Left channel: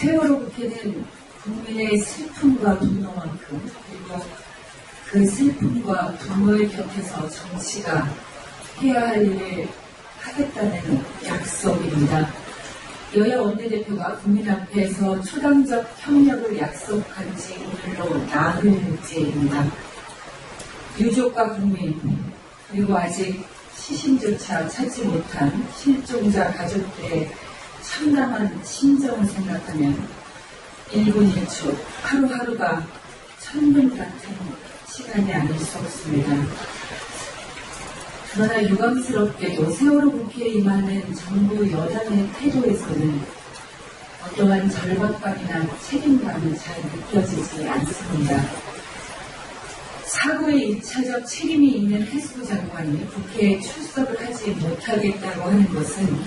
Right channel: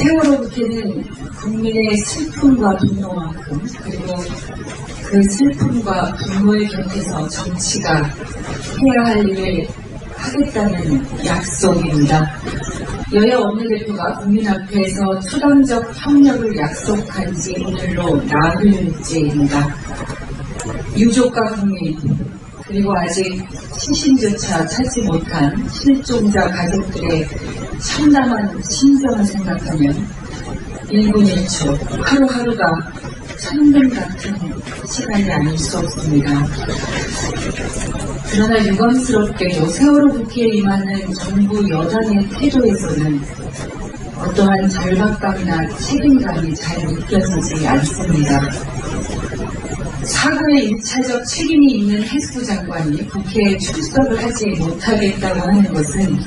세월호 국회는 국민의 슬픔과 분노만큼, 그리고 그 슬픔과 분노의 곁에서 정치가 해야 할 일을 하겠다는 약속입니다. 여야 원내대표가 국민 앞에서 초당적 협력을 약속한 지 오늘로 나흘째입니다. 유족과 국민, 그리고 아직 시신조차 찾지 못한 실종자 가족들의 참담한 심정을 생각하면 1분 1초, 하루하루가 천금 같은 시간이 아닐 수 없습니다. 그러나 유감스럽게도 세월호 국회에 임하는 정부 여당의 태도에서는 어떠한 절박감이나 책임감이 잘 느껴지지 않습니다. 사고의 1차적 책임이 있는 해수부 장관이 국회에 출석을 하지 못하겠다고 하는 것은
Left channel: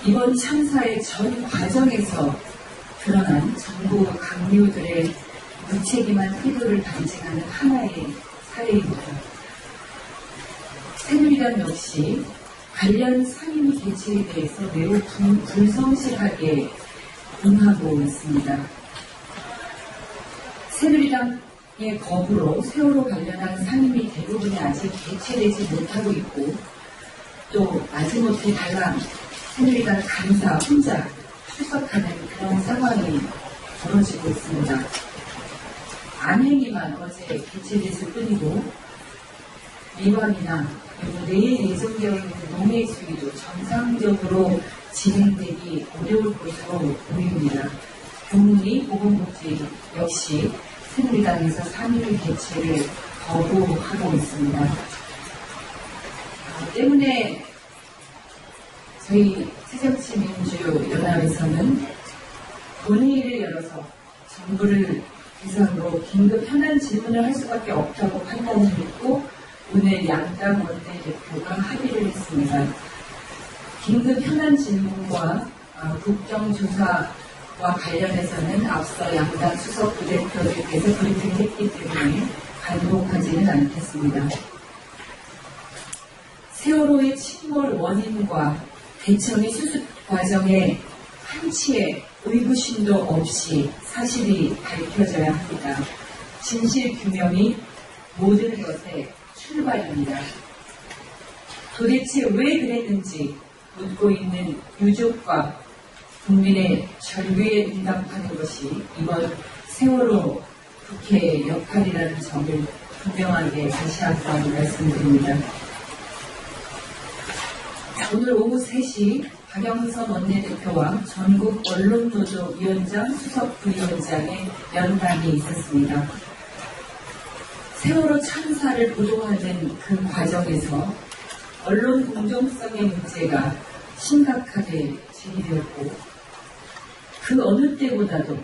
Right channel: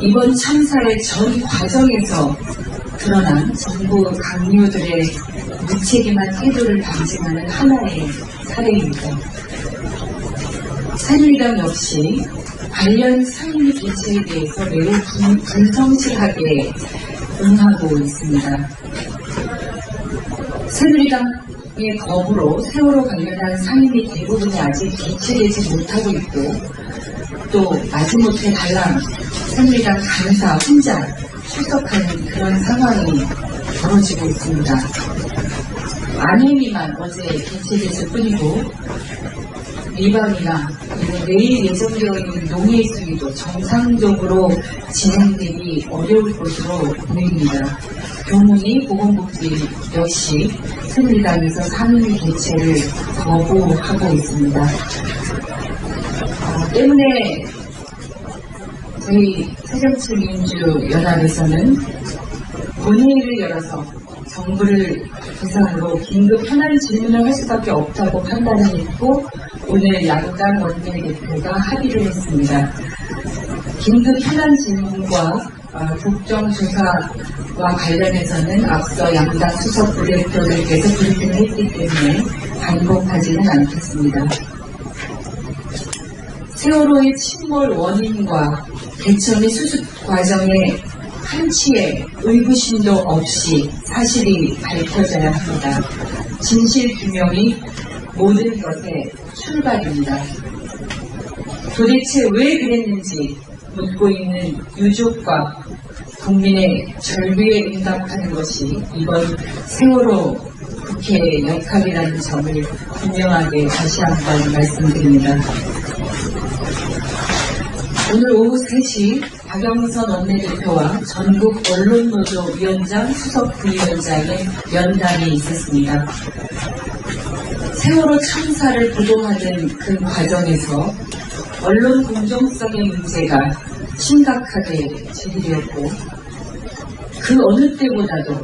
이번 참사의 전 과정에서 드러난 정부 강요들의 무책임한 태도를 방증하는 하나의 사례입니다. 새누리당 역시 관련 상임위 개최에 대해서 매우 불성실하게 응하고 있습니다. 새누리당의 거부로 세월호 관련한 상임위 대부분이 아직 개최되지 못하고 있고, 또 마지못해 달랑 새누리당 간사 혼자 출석하는 그런 상황이 벌어지고 있습니다. 안행위만 어제 개최됐을 뿐이고, 리방이나 그리고 내일 예정되어 있는 농해 수위도 정상적으로 진행되기 어려울 것으로 보입니다. 교문위 보건복지 역시 새누리당에서 상임위 개최를 거부하고 있습니다. 때문에 저희 새정치민주연합에서는 본회의를 열어서 정부를 대상으로 긴급 현안 질문을 할 수밖에 없다고 판단을 했고, 오늘 양당 원내대표가 합의를 했습니다. 긴급 현안 질문과 국정조사와 관련해서는 앞서 양당 수석 부대표들께서 브리핑을 했기 때문에 반복하지는 않겠습니다. 세월호의 침몰 원인과 대처 및 수습 과정에 한치의 의구심도 없이 사실이 밝혀져야 합니다. 진실 규명이 모든 것의 출발입니다. 도대체 왜 그랬는지 묻고 있는 유족과 국민의 절규에 응답하는 것이 이번 세월호 국회의 역할이라는 점을 분명하게 다시 한번 말씀드립니다. 오늘 오후 3시 박영선 원내대표와 전국 언론노조 위원장, 수석 부위원장의 면담이 있었습니다. 세월호 참사를 보도하는 그 과정에서 언론 공정성의 문제가 심각하게 제기되었고, 그 어느 때보다도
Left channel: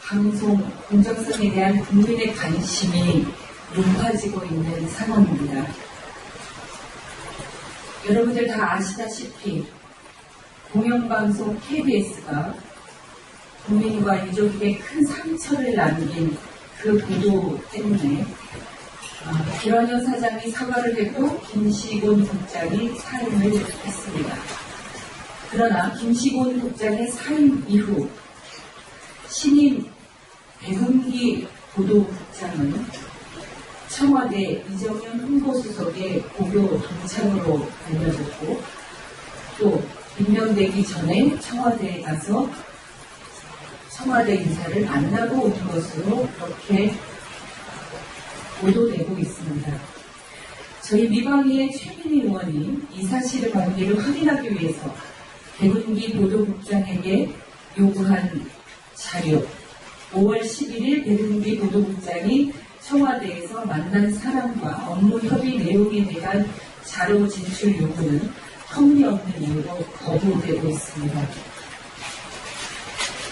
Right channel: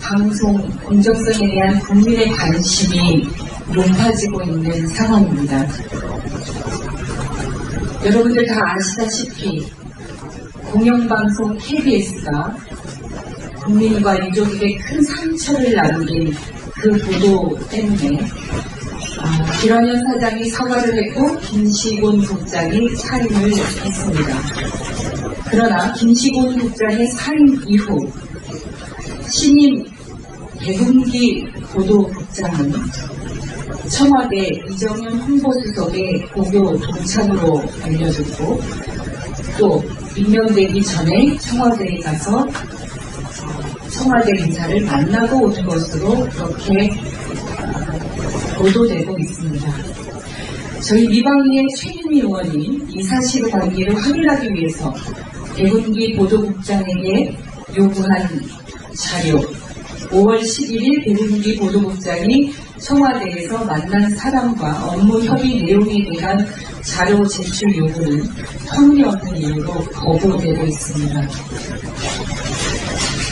방송 공정성에 대한 국민의 관심이 높아지고 있는 상황입니다. 여러분들 다 아시다시피 공영방송 KBS가 국민과 유족에게 큰 상처를 남긴 그 보도 때문에 김환현 사장이 사과를 했고 김시곤 국장이 사임을 했습니다. 그러나 김시곤 국장의 사임 이후 신임 백운기 보도국장은 청와대 이정현 홍보수석의 고교 동창으로 알려졌고, 또 임명되기 전에 청와대에 가서 청와대 인사를 만나고 온 것으로 그렇게 보도되고 있습니다. 저희 미방위의 최민희 의원이 이 사실관계를 확인하기 위해서 백운기 보도국장에게 요구한 자료, 5월 11일 백운기 보도국장이 청와대에서 만난 사람과 업무 협의 내용에 대한 자료 제출 요구는 터무니없는 이유로 거부되고 있습니다.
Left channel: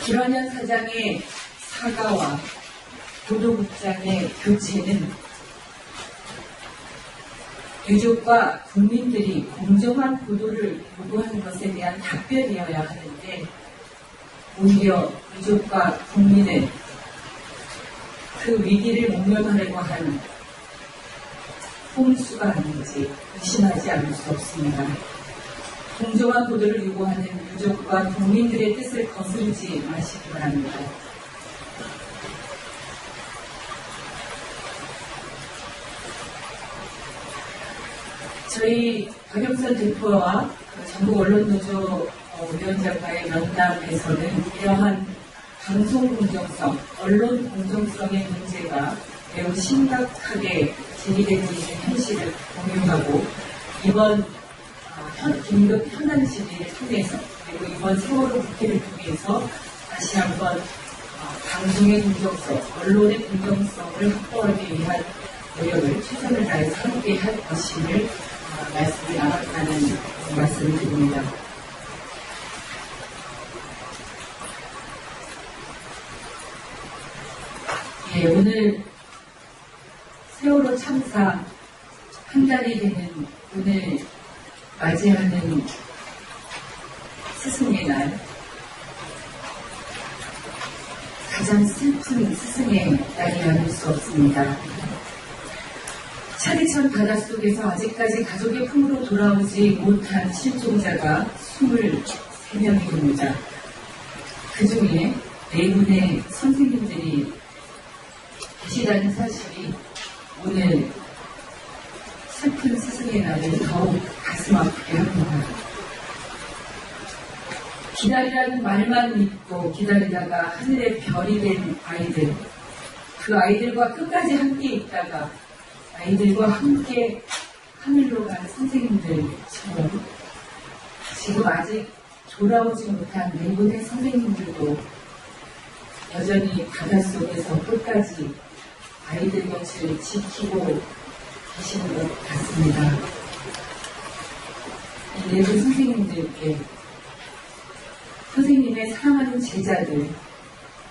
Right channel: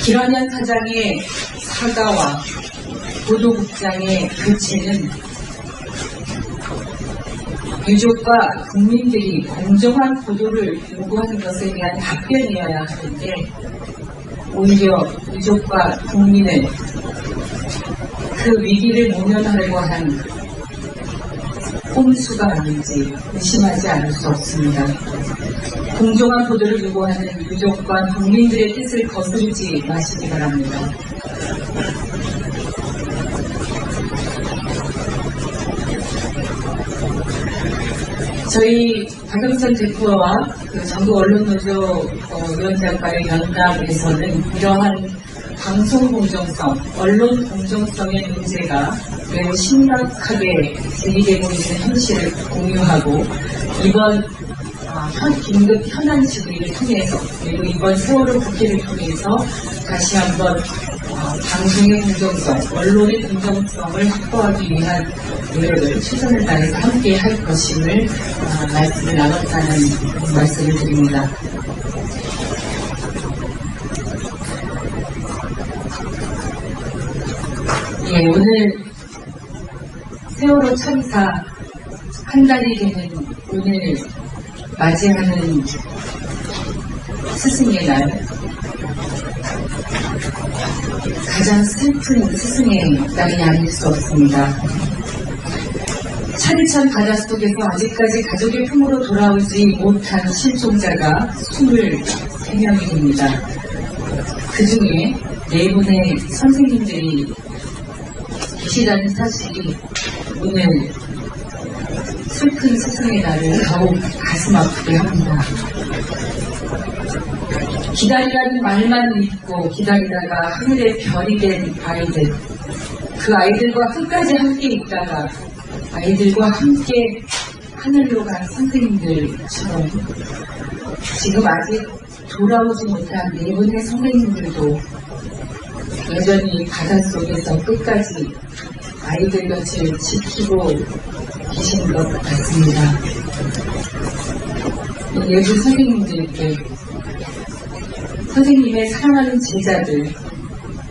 김환현 사장의 사과와 보도국장의 교체는 유족과 국민들이 공정한 보도를 요구하는 것에 대한 답변이어야 하는데, 오히려 유족과 국민을 그 위기를 모면하려고 한 꼼수가 아닌지 의심하지 않을 수 없습니다. 공정한 보도를 요구하는 유족과 국민들의 뜻을 거스르지 마시기 바랍니다. 저희 박영선 대표와 전국 언론노조 위원장과의 면담에서는 이러한 방송 공정성, 언론 공정성의 문제가 매우 심각하게 제기되고 있는 현실을 공유하고 이번 긴급 현안 질의를 통해서 그리고 이번 세월호 국회를 통해서 다시 한번 방송의 공정성, 언론의 공정성을 확보하기 위한 노력을 최선을 다해서 함께 할 것임을 말씀을 나눴다는 말씀을 드립니다. 예, 오늘 세월호 참사 한 달이 되는 오늘 맞이하는 스승의 날, 가장 슬픈 스승의 날이 아닐 수 없습니다. 차디찬 바다 속에서 아직까지 가족의 품으로 돌아오지 못한 실종자가 23명이 됩니다. 그 중에 4분의 선생님들이 계시다는 사실이 오늘 슬픈 스승의 날을 더욱 가슴 아프게 합니다. 기다리라는 말만 믿고 기다리다가 하늘의 별이 된 아이들, 그 아이들과 끝까지 함께 있다가 아이들과 함께 하늘로 간 선생님들처럼 지금 아직 돌아오지 못한 4분의 선생님들도 여전히 바닷속에서 끝까지 아이들 곁을 지키고 계시는 것 같습니다. 이 4분 선생님들께 선생님의 사랑하는 제자들,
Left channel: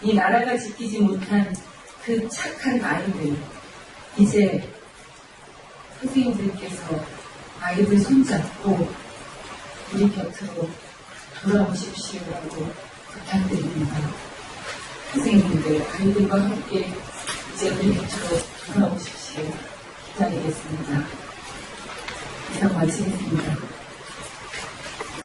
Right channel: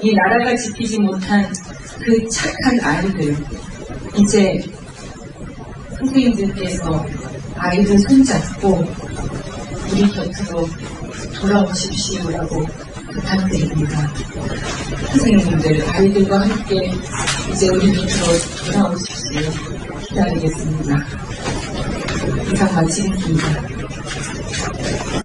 이 나라가 지키지 못한 그 착한 아이들, 이제 선생님들께서 아이들 손잡고 우리 곁으로 돌아오십시오라고 부탁드립니다. 선생님들, 아이들과 함께 이제 우리 곁으로 돌아오십시오. 기다리겠습니다. 이상 마치겠습니다.